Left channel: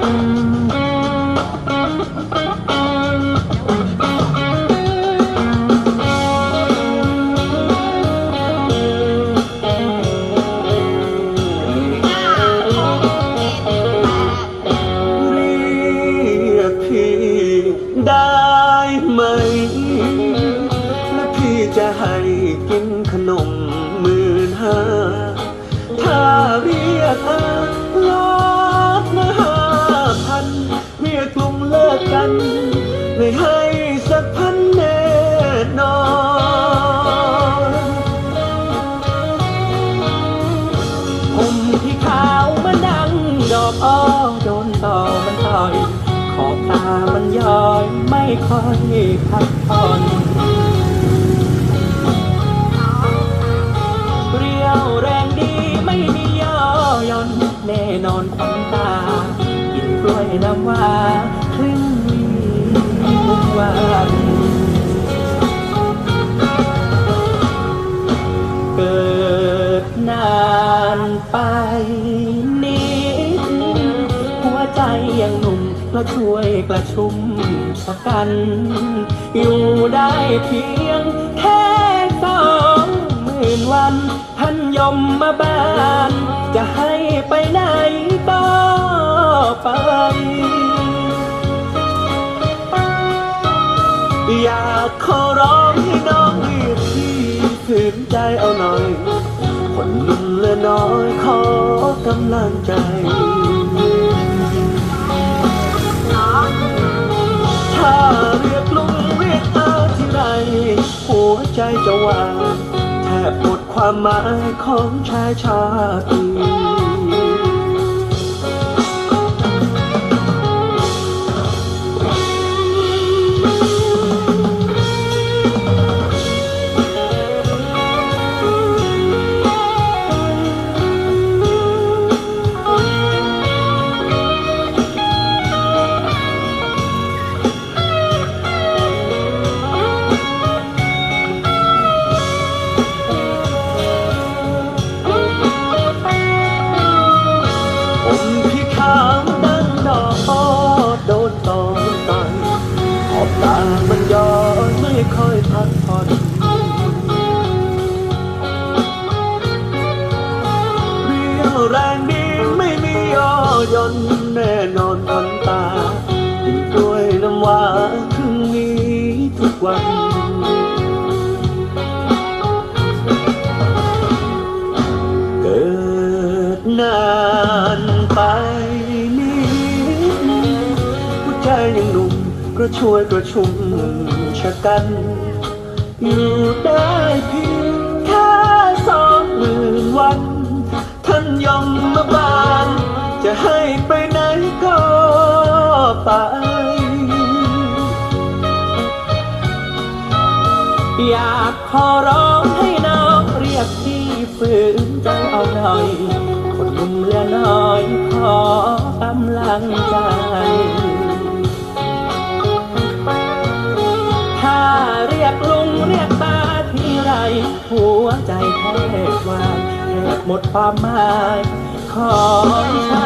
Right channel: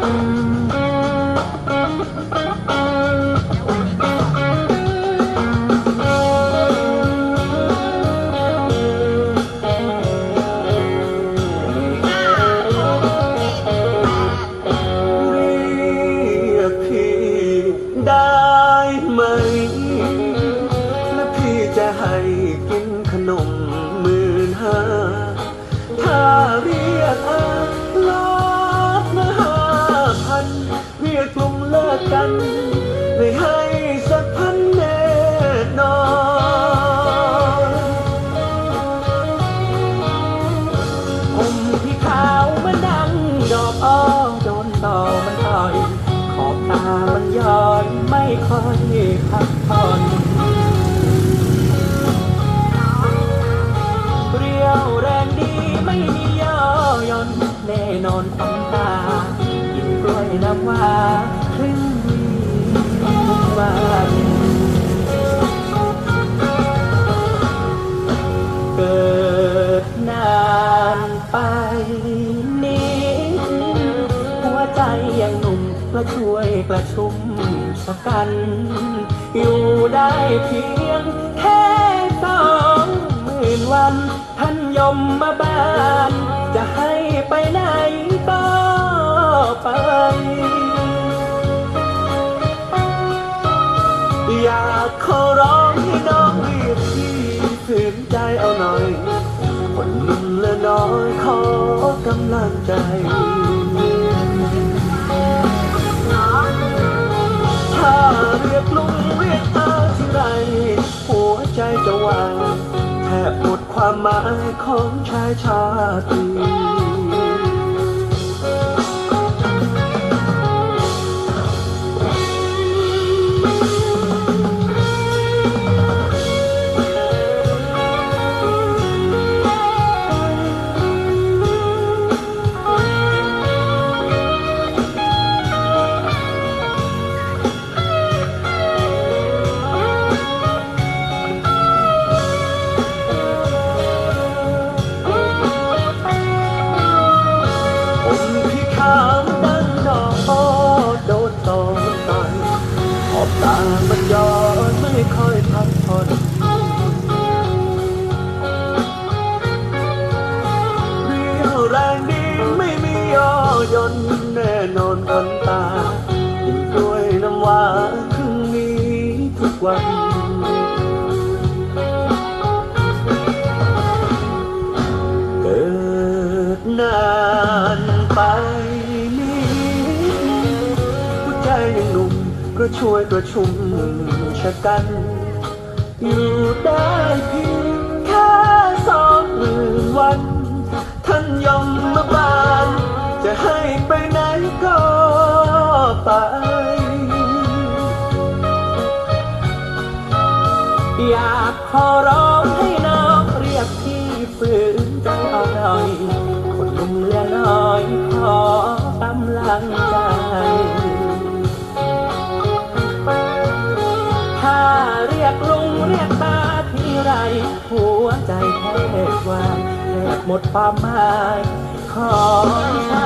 เรียกพี่ได้ไหม แล้วพี่จะให้กินขนม นกล้วยน้ำว้าครึ่งวีทุกวันเกิดนานไปนิดหัวใจยังหนุ่มก็ช่วยกระชุ่มสักกัน อยู่ได้เพียง อยากขอร้องให้น้องเรียกพี่ฝืนใจเอาหน่อย คนหนุ่มเหละน้อยขอกำลังใจถ้าเรียกลุงเรียกตาที่ไรหัวใจจะวางแทบหมดความหมายของชายชาติ แรงดีไม่มีย่อยนแน่นอนบนตากินกล้วยน้ำว้าครึ่งนี้ทุกวัน เกิดนานไปนิดหัวใจยังหนุ่มก็ช่วยกระชุมชะกัน อยู่ได้ อยากขอร้องให้น้องเรียกพี่ฝืนใจเอาหน่อยคนหนุ่มเหลือน้อยขอกำลังใจ ถ้าเรียกลุงเรียกตาทีไร หัวใจแทบวายแทบหมดความหมายขอ